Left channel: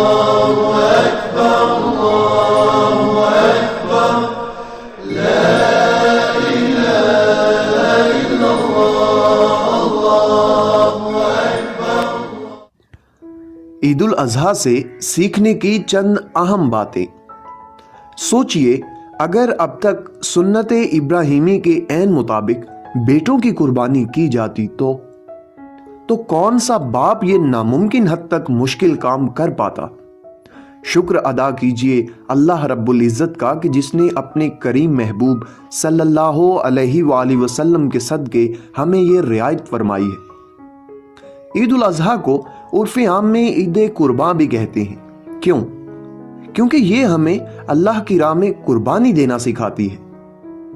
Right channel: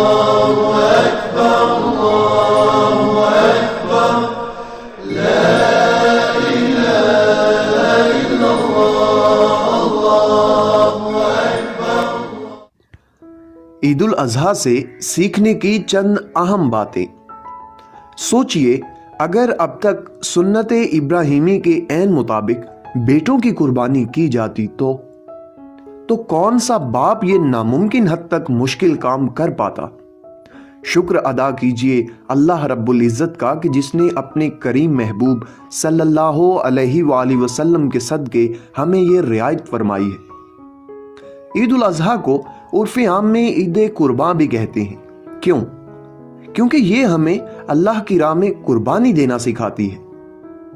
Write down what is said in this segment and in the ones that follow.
عید الاضحیٰ سے سیکھنے کی چند اہم باتیں۔ سوچئے اگر اب تک سنت ابراہیمی کے عین مطابق بیٹوں کی قربانی کی جاتی تو کون سا باپ یہ ناممکن حد تک مشکل کام کر پاتا۔ شکر ادا کیجئے اللہ رب العزت کا کہ جس نے اپنے کریم محبوب صلی اللہ علیہ وآلہ وسلم کے صدقے ہمیں یہ رعایت فرمائی ہے۔ عید الاضحیٰ کو عرف عام میں عید قربان بھی کہتے ہیں۔ کیوں؟ کیونکہ یہ ہمیں اللہ کی راہ میں قربانی دینا سکھاتی ہے۔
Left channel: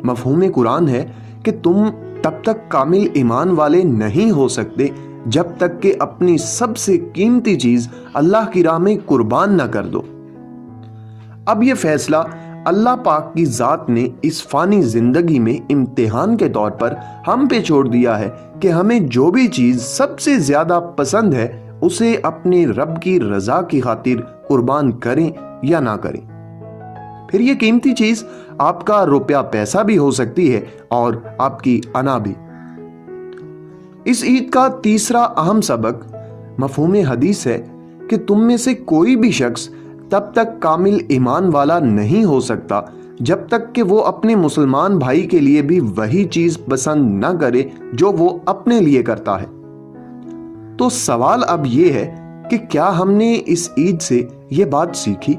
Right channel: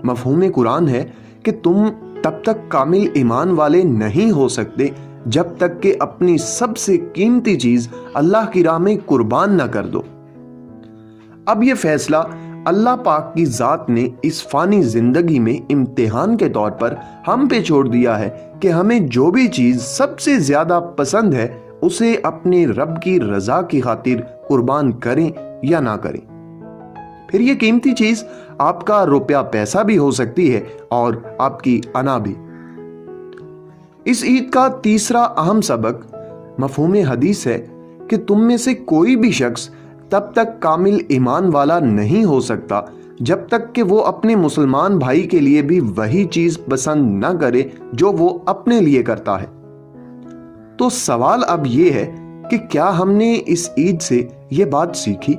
مفہوم قرآن ہے کہ تم تب تک کامل ایمان والے نہیں ہو سکتے جب تک کہ اپنی سب سے قیمتی چیز اللہ کی راہ میں قربان نہ کر دو۔ اب یہ فیصلہ اللہ پاک کی ذات نے اس فانی زندگی میں امتحان کے طور پر ہم پہ چھوڑ دیا ہے کہ ہمیں جو بھی چیز سب سے زیادہ پسند ہے اسے اپنے رب کی رضا کی خاطر قربان کریں یا نہ کریں۔ پھر یہ قیمتی چیز آپ کا روپیہ پیسہ بھی ہو سکتی ہے اور آپ کی انا بھی۔ اس عید کا تیسرا اہم سبق مفہوم حدیث ہے کہ تم میں سے کوئی بھی شخص تب تک کامل ایمان والا نہیں ہو سکتا جب تک کہ وہ اپنے مسلمان بھائی کے لیے بھی وہی چیز پسند نہ کرے جو وہ اپنے لیے کرتا ہے۔ تو سوال اب یہ ہے کہ کیا ہم نے اس عید سے یہ بات سیکھی؟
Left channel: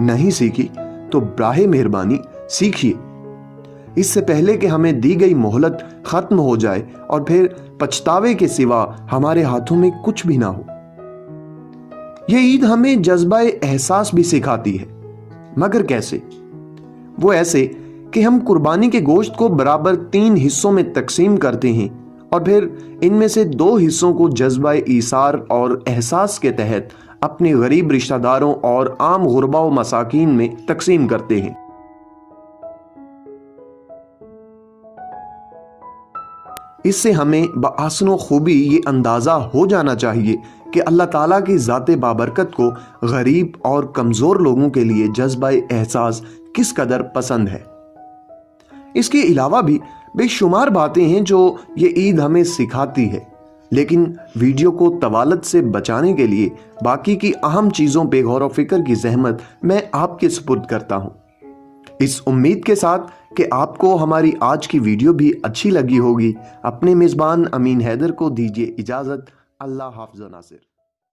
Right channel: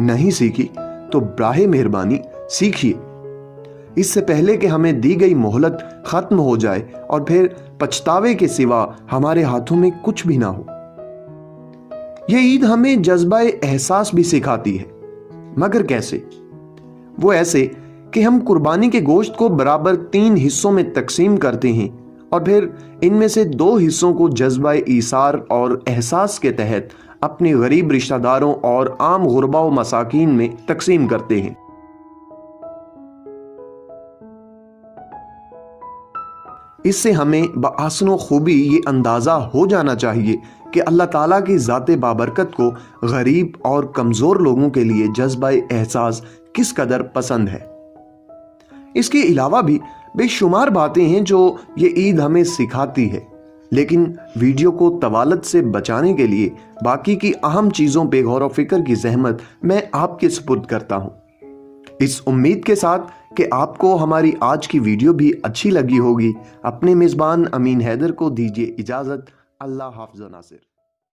نہیں سیکھی تو براہ مہربانی سیکھیے، اس سے پہلے کہ ہمیں دی گئی مہلت ختم ہو جائے اور پھر پچھتاوے کے سوا ہمارے ہاتھوں میں کچھ بھی نہ ہو۔ یہ عید ہمیں جذبہ احساس بھی سکھاتی ہے، مگر کیسے؟ وہ ایسے کہ ہم قربانی کے گوشت کو برابر 3 حصوں میں تقسیم کرتے ہیں اور پھر ان میں سے 2 حصوں کو جذبہ ایثار اور احساس کے تحت اپنے غریب رشتہ داروں اور عام غربا و مساکین میں تقسیم کرتے ہیں۔ اس سے ہمیں بآسن و خوبی یہ اندازہ ہو جانا چاہیے کہ اللہ تعالیٰ کی ذات بابرکت کو غریب اور کمزور لوگوں کے لیے جذبہ احساس کس قدر پسند ہے۔ اس کے علاوہ بھی بے شمار باتیں ہیں جو یہ عید ہمیں سکھاتی ہے، لیکن ویڈیو کو طوالت سے بچانے کے لیے باقی کی اہم چیزوں پہ غور و فکر کی زحمت میں آپ کے سپرد کرتا ہوں، اس امید کے ساتھ کہ آپ کو ہماری آج کی ویڈیو بھی اچھی لگی ہوگی۔ اپنے میزبان امین حیدر کو دیجیے اجازت۔ اللہ حافظ و ناصر۔